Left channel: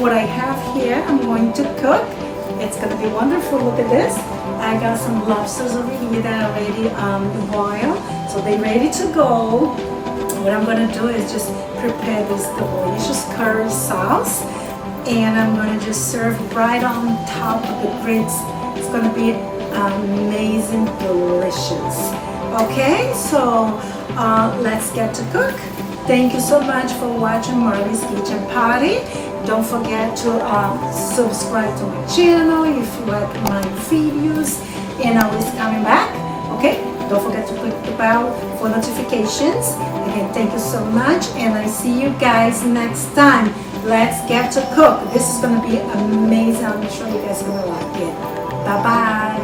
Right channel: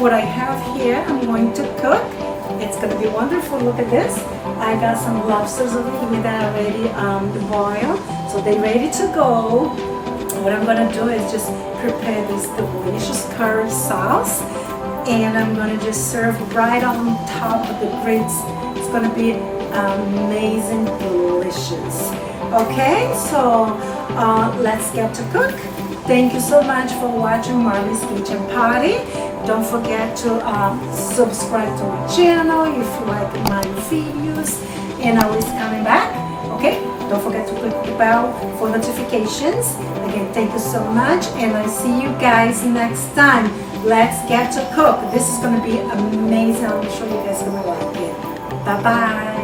what I have here, I'm going to cook. It's gonna be wonderful. Look at this. I got some lobsters over here that are already boiled, so they're ready to go. What I'm gonna do is just prepare this delicious curry sauce, and I'm gonna just serve right on top of the grits. It's gonna be amazing, delicious. Okay, so let's get to cook. Thank you so much for watching Marley's Kitchen Party. Don't forget to subscribe to my channel if you like my videos and always coming back. Okay, don't forget to click the bell for notifications. Again, thank you so much, and I see you guys next time. Let's get to cook. This is going to be amazing. I'm sure you guys are going to like it. Bye bye.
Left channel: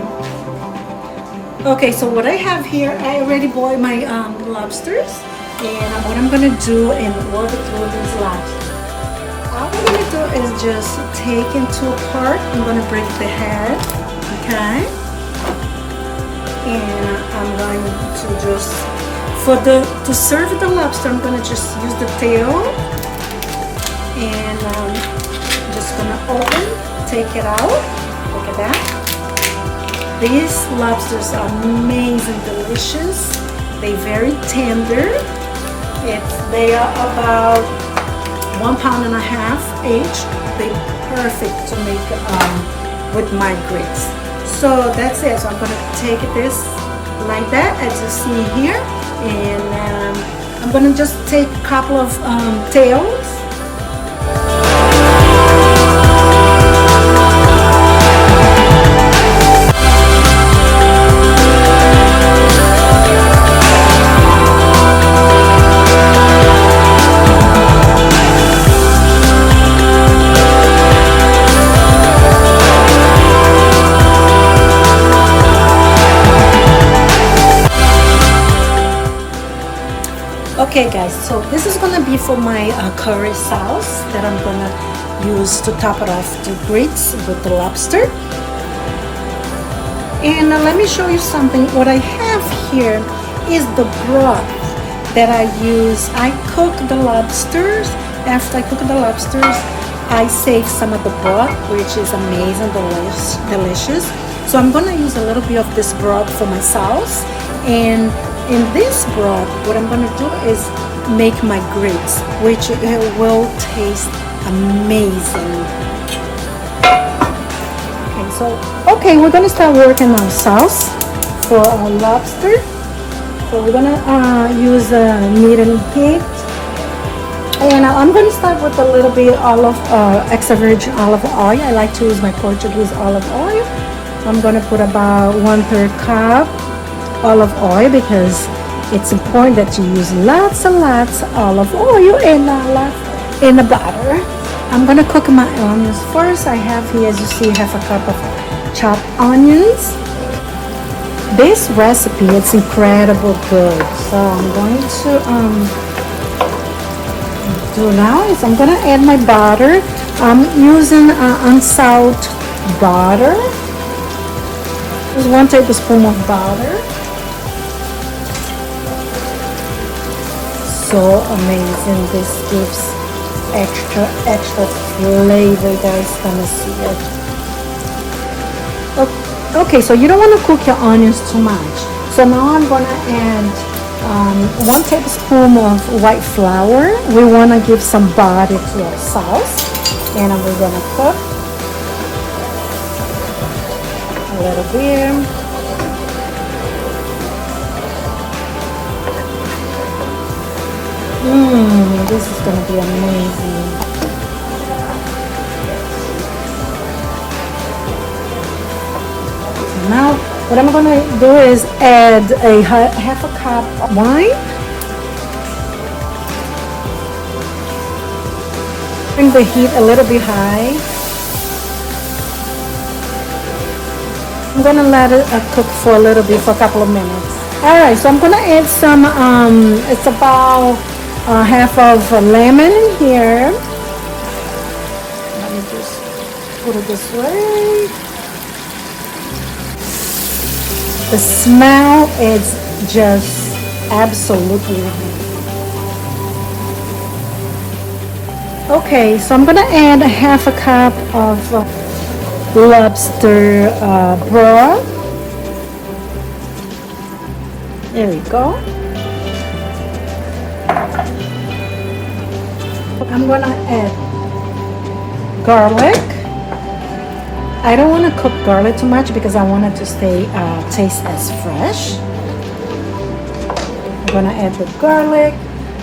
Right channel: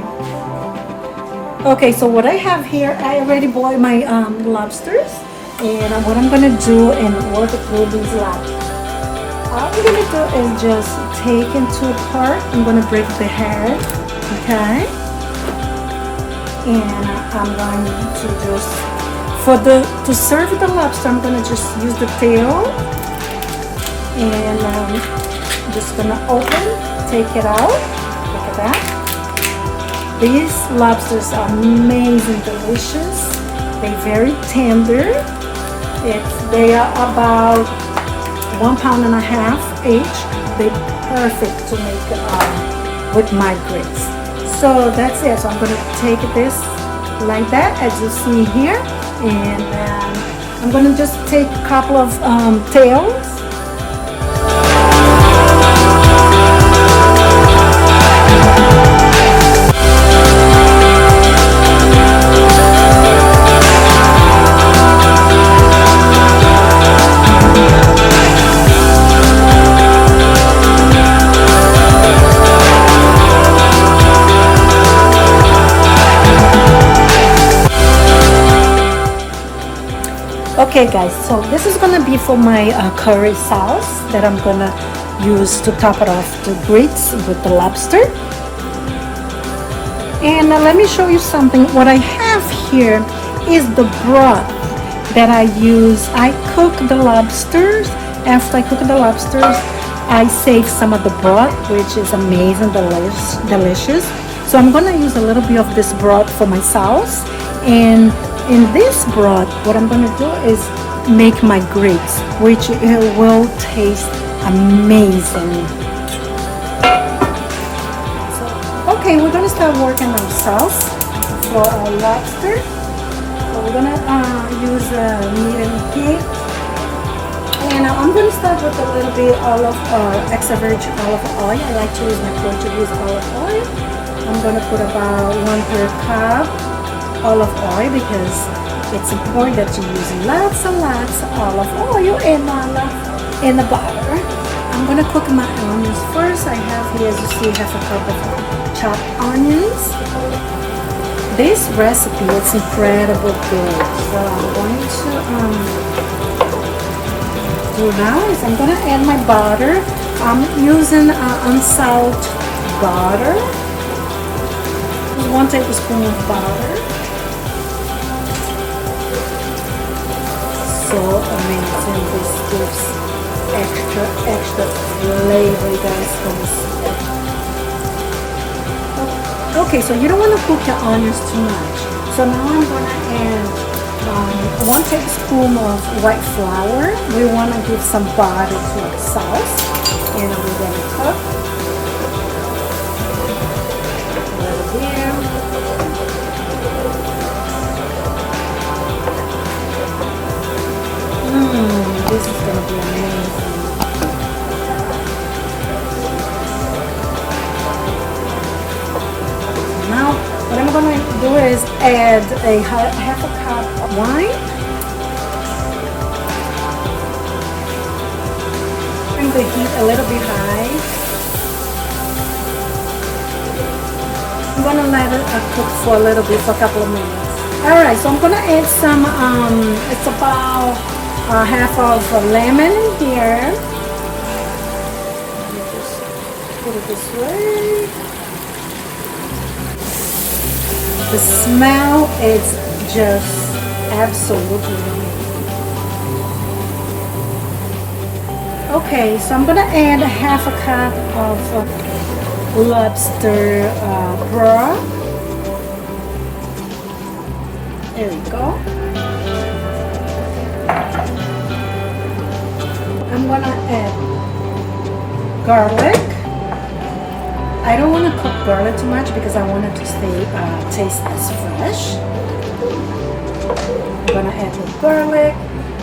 Okay, so what I have here, I already boiled my lobsters, and what I'm going to do and work through these lobsters. All I'm going to do is just take into apart. I'm going to break the head, okay? And I'm going to just, to serve the lobster, I'm going to just use the tail. And I'm just going to open, take it out. Look at that. These lobsters are amazing, delicious. They're very tender. They are about 1.5 pounds each. They're perfect to make with my grits. So that's it. So I'm going to take this like that, as you see here, and I'm going to just take a couple of tails. Okay guys, so this is going to be for my curry sauce that I'm going to use to top it off the grits with the lobster. And let me show you something. What I have here is the broth that I use. I cook the lobsters. After I cook the lobsters, I save some of the broth, which is amazing, delicious. So I'm going to use a little bit of this broth for my sauce. And in this broth, what I'm going to do is make my grits, which it will taste amazing. And so, okay, we're going to start working on sauce for our lobster. So we're going to use medium heat. And I'm going to start with a little bit extra virgin olive oil. I like to use my Portuguese olive oil. I'm going to put about 1/3 cup olive oil, because it's important that you use lots and lots of olive oil and the butter. I'm gonna cook my onions first. I have here, as you see, half a cup of chopped onions. This recipe is incredible good. So I'm going to do now is I'm gonna add my butter. I'm using unsalted butter. Just 1 tablespoon of butter. So amazing. This gives extra flavor. You guys gonna see it. Okay, so you don't want to cook your onions too much. So now I'm gonna add 1 tablespoon of white flour. We want to give some body to our sauce, and we're gonna cook a little bit. This is going to be amazing. Now, what I'm going to do is add a half a cup of wine. Bring the heat a little bit high. I'm going to let it cook for a little bit, for a couple of minutes. Alright, so I'm going to add some, it's about half of a lemon here. Let me just put it this way. The smell is just absolutely Okay, so I'm gonna add a half a cup of lobster broth. There we go. I'm gonna add garlic. I don't want to cook garlic too much because I want it to stay taste as fresh. I'm gonna add the garlic.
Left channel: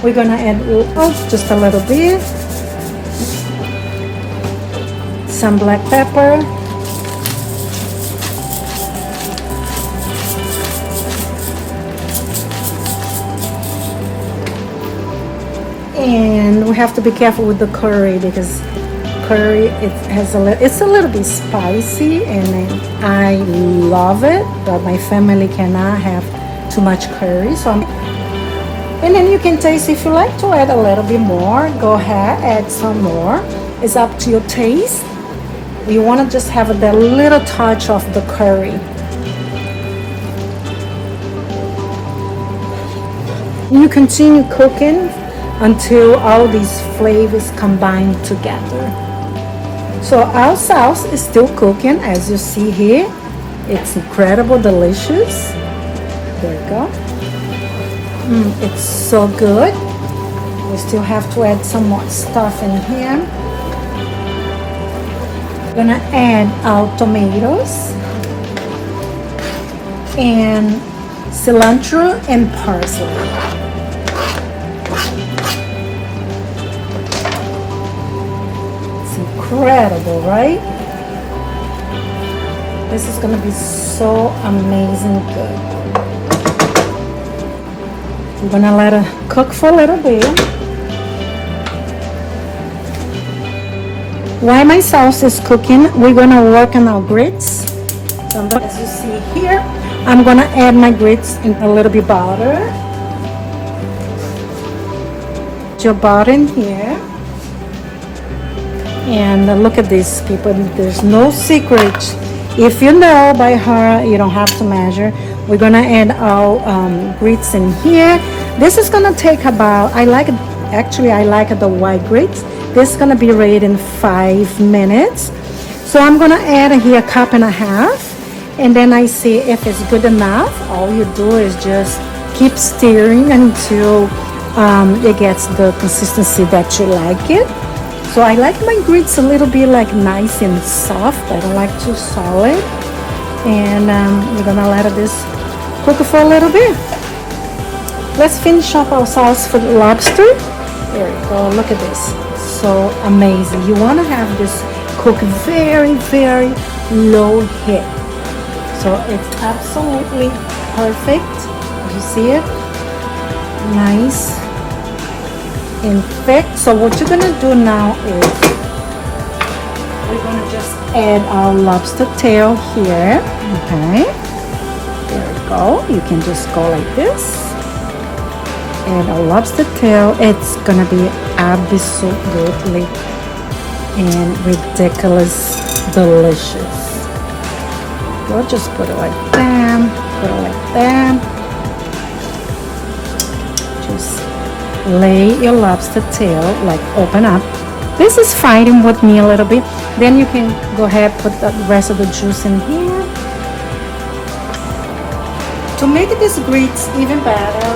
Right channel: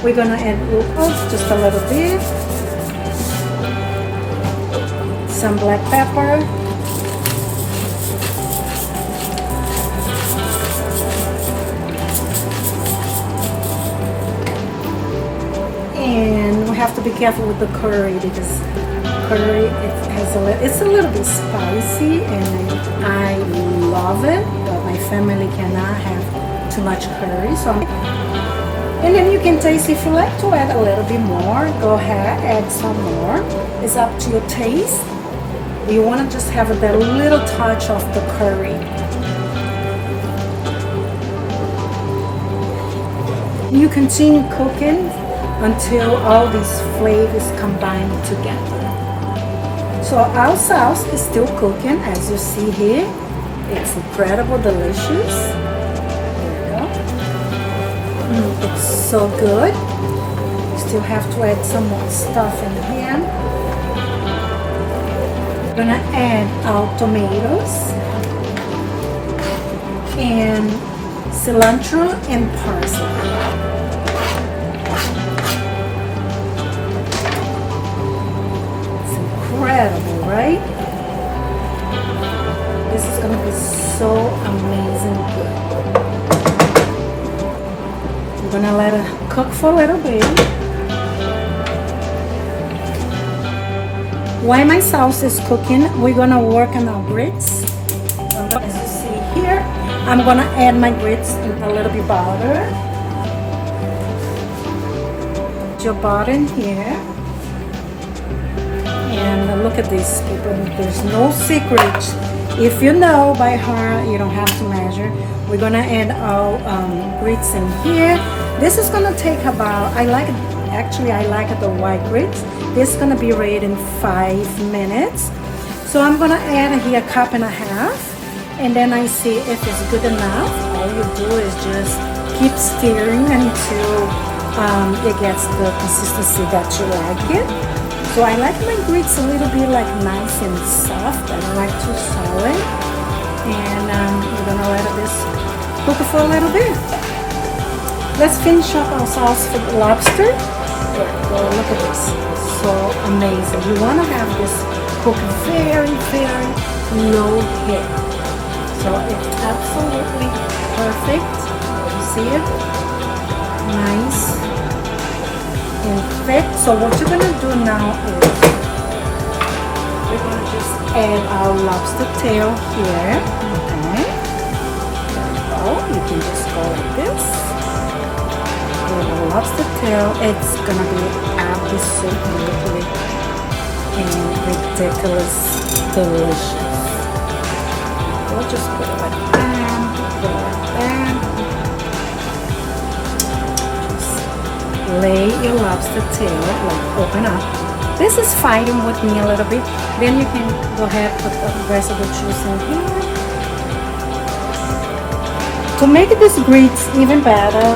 We're gonna add just a little bit. Some black pepper. And we have to be careful with the curry because curry it's a little bit spicy, and I love it, but my family cannot have too much curry. So and then you can taste if you like to add a little bit more. Go ahead, add some more. It's up to your taste. You want to just have that little touch of the curry. You continue cooking until all these flavors combine together. So our sauce is still cooking, as you see here. It's incredible, delicious. There we go. It's so good. We still have to add some more stuff in here. We're gonna add our tomatoes and cilantro and parsley. Incredible, right? This is gonna be so amazing good. I'm gonna let it cook for a little bit. While my sauce is cooking, we're gonna work on our grits. So as you see here, I'm gonna add my grits in a little bit butter. Put your butter in here. And look at this, people, there's no secret. If you know by heart, you don't have to measure. We're gonna add our grits in here. This is gonna take about, I like the white grits. This is gonna be ready in 5 minutes. So I'm gonna add here a cup and a half, and then I see if it's good enough. All you do is just keep stirring until it gets the consistency that you like it. So I like my grits a little bit like nice and soft. I don't like too solid. And we're gonna let this cook for a little bit. Let's finish up our sauce for the lobster. There we go, look at this. So amazing. You wanna have this cook very, very low heat. So it's absolutely perfect. You see it? Nice and thick. So what you're gonna do now is we're gonna just add our lobster tail here. Okay, there we go. You can just go like this. And our lobster tail, it's gonna be absolutely and ridiculous delicious. We'll just put it like that, put it like that. Lay your lobster tail, like open up. This is fighting with me a little bit. Then you can go ahead, put the rest of the juice in here. To make this grits even better,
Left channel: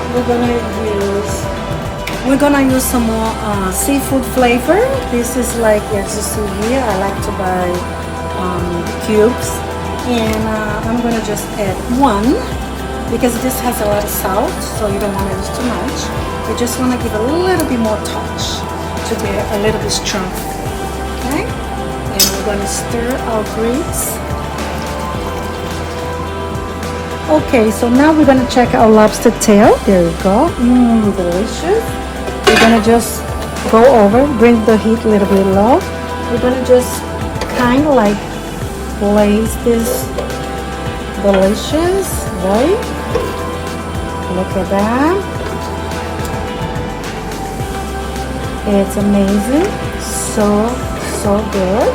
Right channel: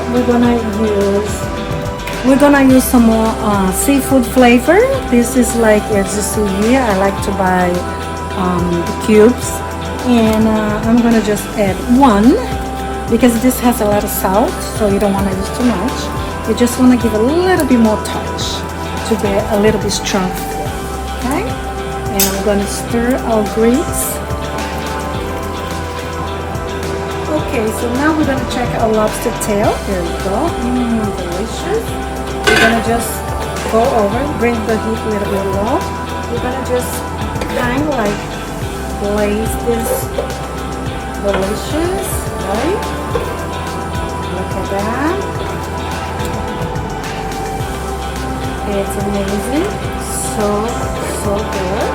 we're gonna use some more seafood flavor. This is like, as you see here, I like to buy cubes, and I'm gonna just add one because this has a lot of salt, so you don't want to use too much. You just want to give a little bit more touch to be a little bit strong. Okay? And we're going to stir our grits. Okay, so now we're going to check our lobster tail. There we go. Delicious. We're going to just go over, bring the heat a little bit low. We're going to just kind of like glaze this delicious, right? Look at that. It's amazing, so good.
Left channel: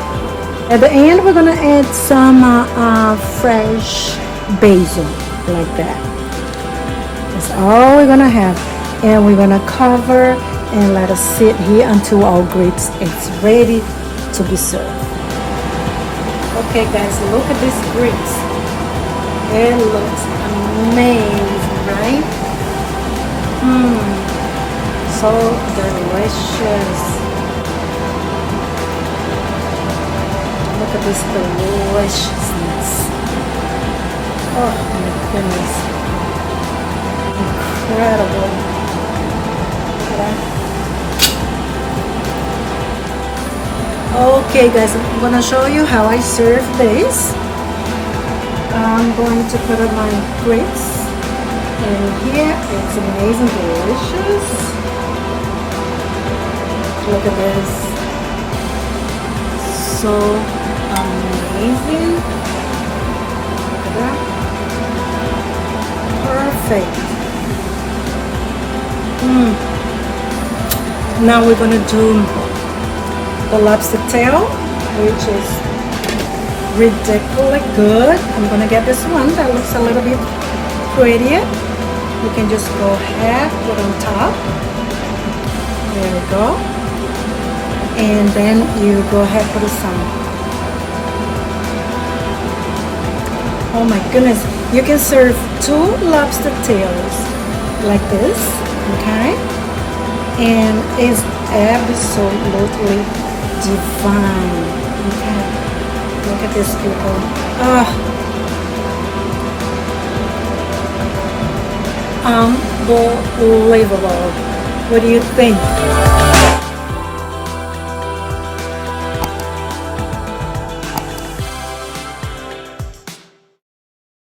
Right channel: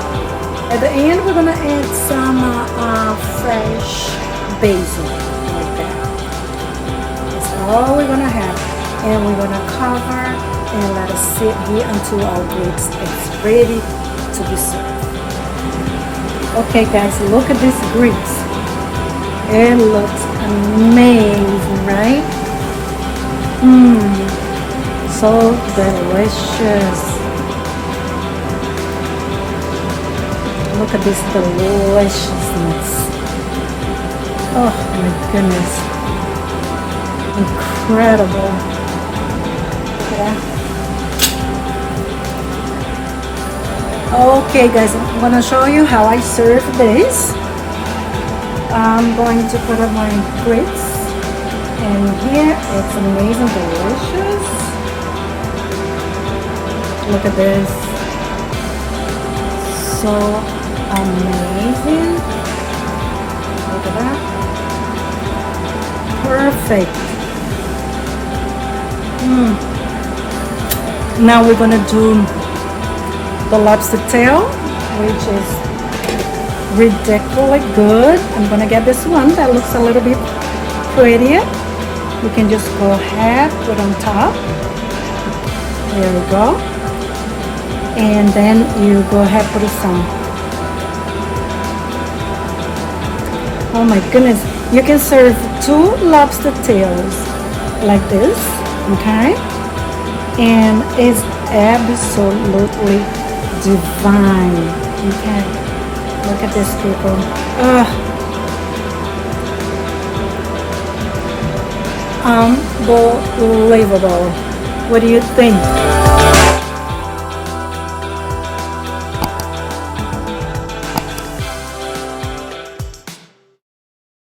At the end, we're gonna add some fresh basil, like that. That's all we're gonna have, and we're gonna cover and let us sit here until our grapes is ready to be served. Okay guys, look at these grapes. It looks amazing, right? So delicious. Look at this deliciousness. Oh my goodness. Incredible. Okay guys, I'm gonna show you how I serve this. I'm going to put on my grapes, and here it's amazing, delicious. Look at this, so amazing. Look at that, perfect. Now we're gonna do the lobster tail, which is ridiculously good. I'm gonna get this one that looks a little bit prettier. You can just go ahead, put on top. There we go. And then you go ahead, put some. Oh my goodness, you can serve 2 lobster tails like this, okay? And it's absolutely divine, okay? Look at this, people. Ugh. Unbelievable. What do you think?